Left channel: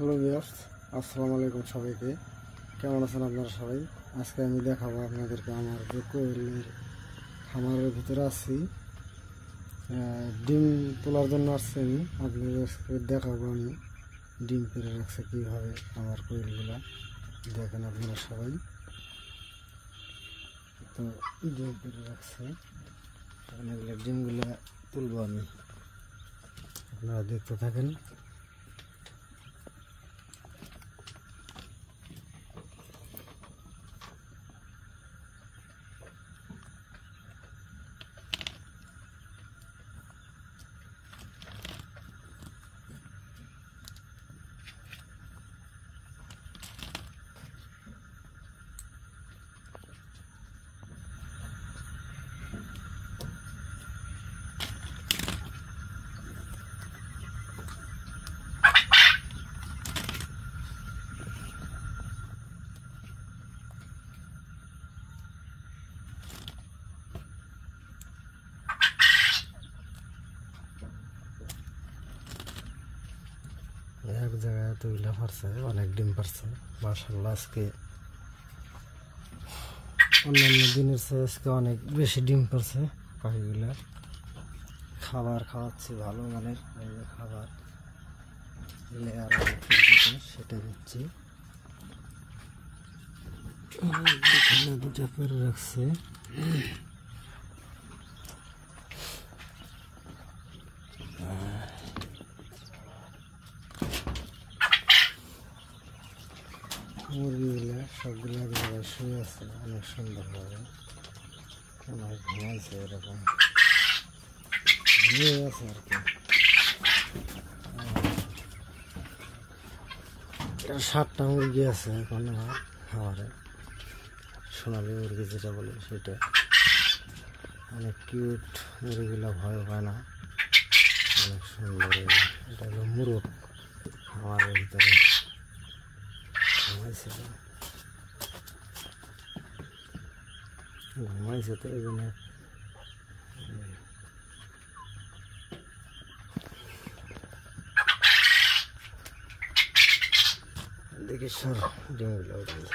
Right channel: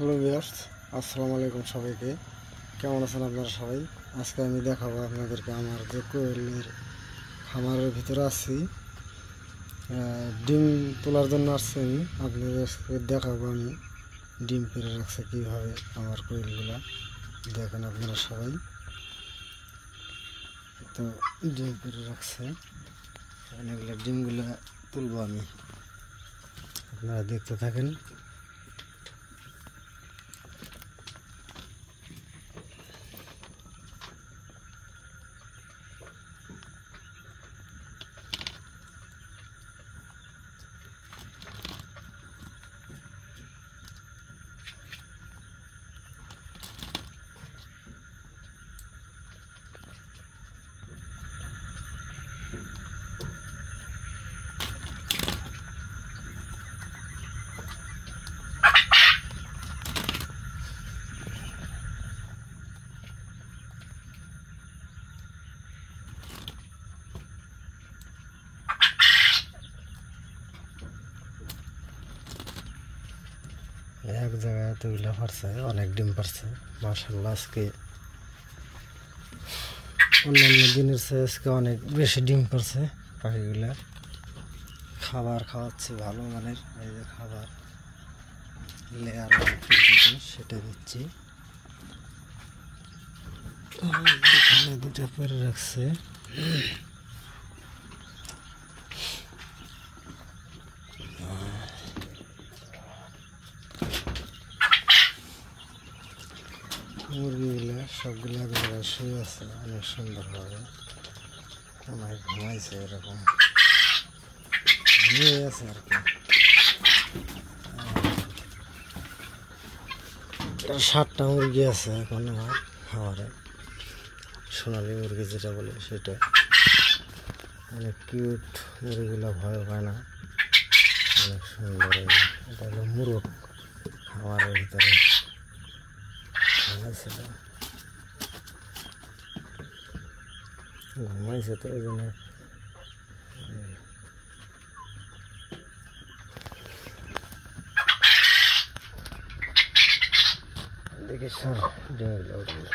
Hello viewers, আসসালামু আলাইকুম সবাইকে। কেমন আছেন আপনারা সবাই? আজকে আমি দেখাবো আপনাদেরকে আমার যে কোয়েলের খামারের ভিতরে আছি, ডিম তোলার জন্য আসছি। আমি আপনাদেরকে দেখাবো আমি ডিম পেড়ে রাখছে কীভাবে আমার কোয়েলগুলা। দেখেন আপনারা সবাই, তো ডিম পেড়ে রাখছে। এগুলো ডিমগুলো তুলবো আমি, আপনারা দেখতে থাকেন। এক জায়গায় এতগুলা পারছে, অনেক ডিম পারছে মাশাআল্লাহ। আজকে অন্যান্য দিনের চেয়ে আজকে অনেক বেশি ডিম পারছে পাখিগুলা। খাবার খাওয়াচ্ছি ভালো মানের, এই যে খাবার লেয়ার সেটা দিচ্ছি। এখানে দুটো পেরে রাখছে। মুরগিগুলা সবগুলো এক জায়গায় শুয়ে আছে অনেক সুন্দরভাবে, অনেক ঘুমাইছে, এরকম ঘুমিয়ে আছে আর কি। 7টা মুরগি আছে এখন আমার খাবারে, সোনালি মুরগি যেটা বলে সেটা। অনেক কিউট মুরগিগুলা, ভয় পায় না, অনেক সুন্দর। এটা হলো মুরগ খাবারের ভিতরে ঘুমাইছে তো এই জন্য দেখি স্যার ডিমগুলো উঠবে।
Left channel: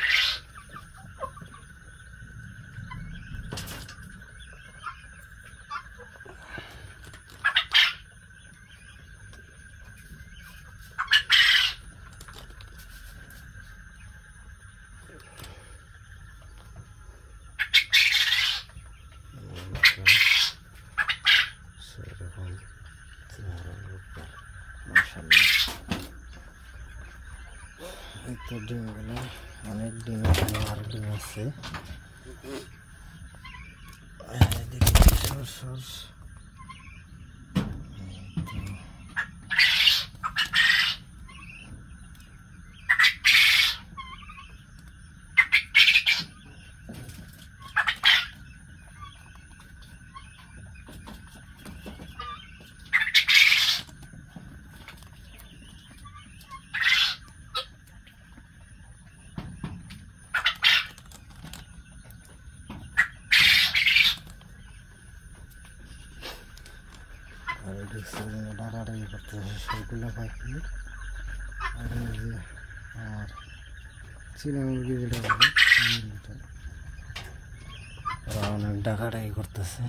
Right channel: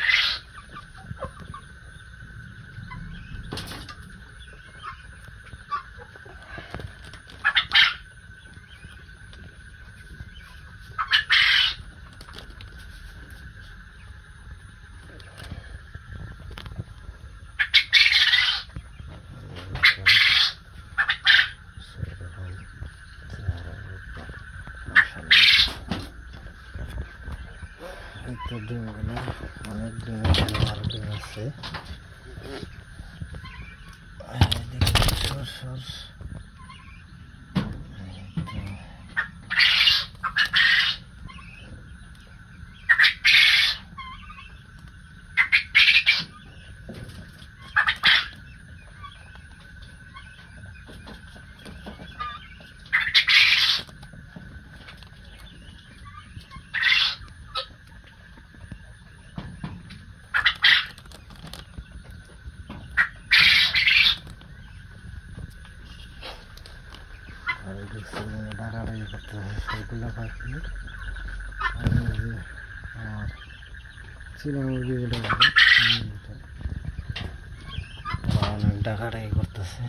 একটা ডিমগুলো অনেক ডিমের আর ডিম আছে। ডাকাডাকি করতে হয় সবগুলো পাখি। আর এই যে আমার চীনা মুরগি যেটা বলে, অনেক ডাকাডাকি করতেছে।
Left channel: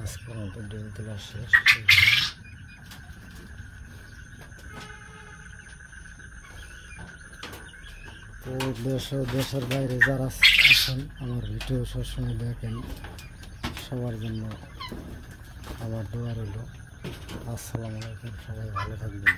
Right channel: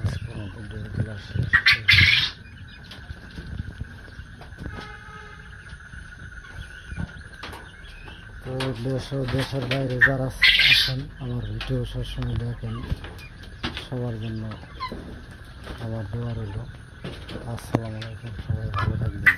আজকের মতো ডিম তোলা শেষ। তো দেশের বাইরে যারা আছেন আমার ভিডিও সবসময় দেখেন, সবার জন্য আমার দোয়া রইল। আসসালামু আলাইকুম, সবাই ভালো থাকবেন।